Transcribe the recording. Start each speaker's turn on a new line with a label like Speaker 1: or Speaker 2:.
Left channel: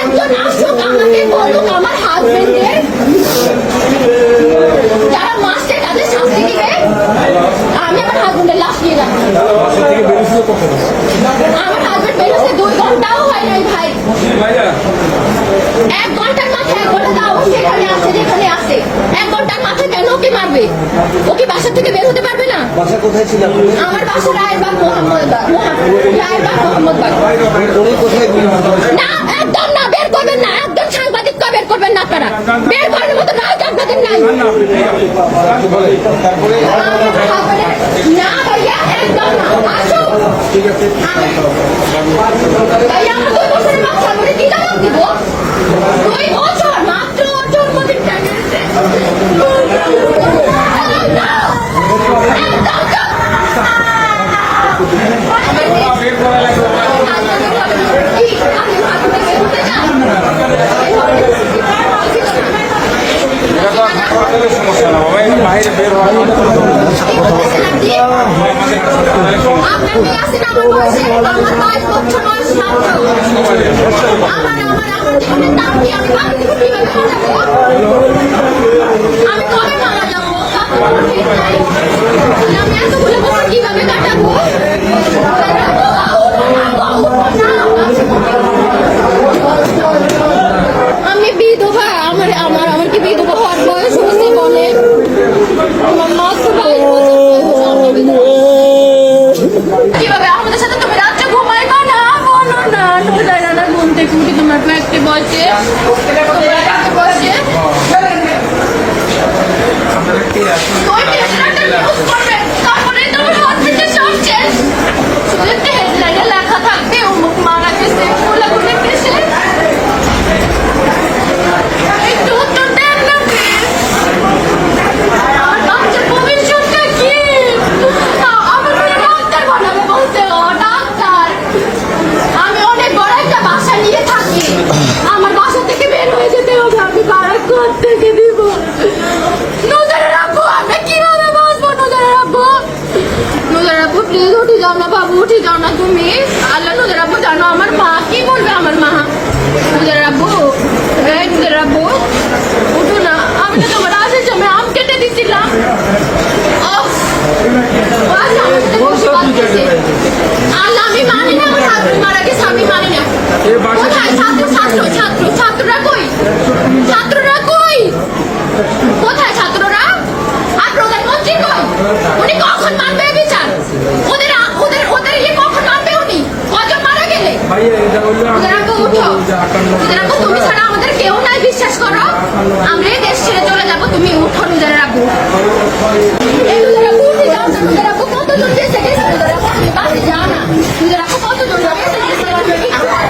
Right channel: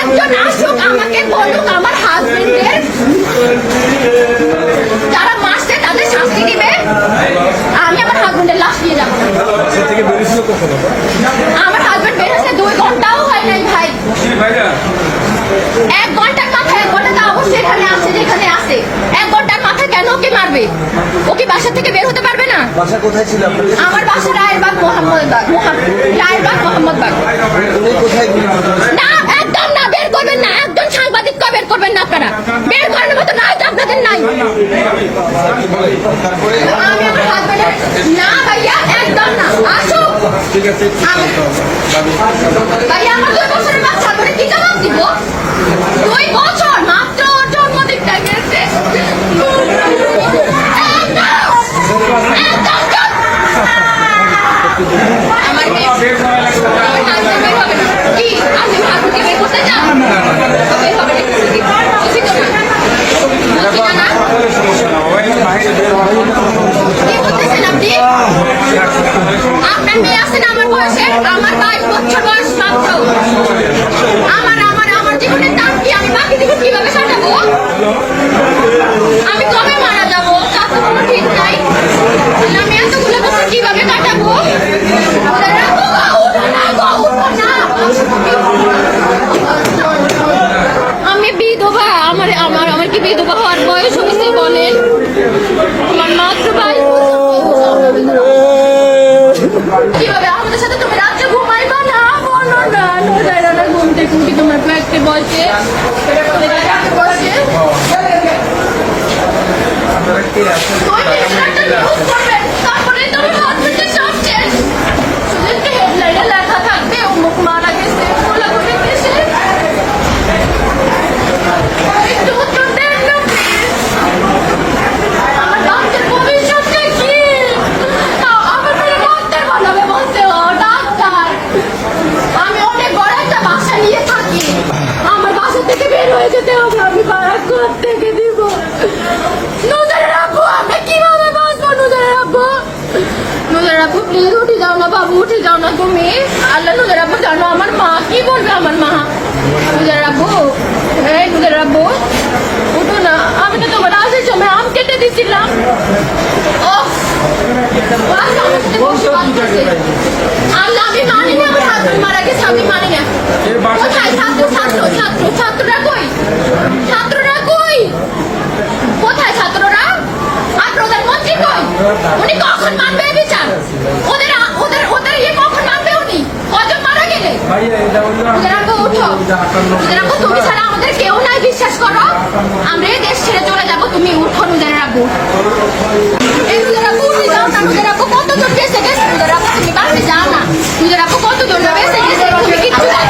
Speaker 1: একজন আসুক আমাকে বলুক, আমার হাজবেন্ডের যারা মাসছে তাদের শাস্তি দিবে। আমি আমার হাজবেন্ডের লাশ নিয়ে যাব। আমার হাজবেন্ড বেরোছে দুই ঘন্টাও হয় নাই ভাই। এক ঘণ্টার মাথায় এক ঘণ্টা তাও সেখানে আছে, যেখানে আছে। কেন ওকে মারবে? ও কি বাসা থেকে বের হতে পারবে না?
Speaker 2: বাসা কোথায় ছিল
Speaker 1: আমার বাসা রায়েরবাগ মোহাম্মদবাগ মোহাম- রায়েরবাগ মোহাম্মদবাগ।
Speaker 2: উনি কোথায়
Speaker 1: না একদম না বের করবেন না একদম সাংবাদিক বের করবেন না আপনারা। বের করার মতো তো আপনাদের নাই। না ভাইয়া একদম না। আসুক আমি- ভাইয়া আপনার মেয়ে আছেন আমার বয়সে আমার বাইশ বছর বয়স মাত্র আমার আমার আমার জীবনের দাম কি আমি বাকি জীবন কীভাবে সাজাবো আমি কবে মারা যাব তার তো কোনো ঠিক নাই তাহলে আমি এতগুলো বছর কীভাবে কাটাবো উঠো না, উঠো না। আমি বিধবা আমার আমার আমার কি বিধবা বয়স হয়েছে বলেন। তোমার মাত্র বাইশ বয়স, কীভাবে? আমাদের সাথে তুমি রাত্রে ঘুমাই না না নোজা জানা ঘুমতে তুমি তোমার ফ্ল্যাটে বসে? তোমার রাখব প্লিজ উঠে যাও না বাবু উঠে যাও না তুমি আল্লাহ নজরে রাখব জানো আমার মা কি বলবে আমার মা নজরে রাখব এই নজরে রাখব উঠো না আমি তো তোমার আসার সময় আম কেটে ছাত্র ছাত্ররা কই ছাত্ররা কই কোথায় ছাত্ররা আর প্রধানমন্ত্রী কই উনি কখন মানবে বিচার? ওদের ওদের ওদের ইয়ে কখন মানবে উনি? কজন মারা গেলে? আগে তুমি ছাড়া আমাদের কেউ নাই বিশ্বাস করো। আমরা দেশ ছেড়ে চলে যাব তুমি উঠো নিজের রাখব কতজন গেছে গেছে? নিজের রাখব তুমি বাড়ি যাও না। নিজের রাখব কতজন গেছে গেছে? তুমি কিচ্ছু নাই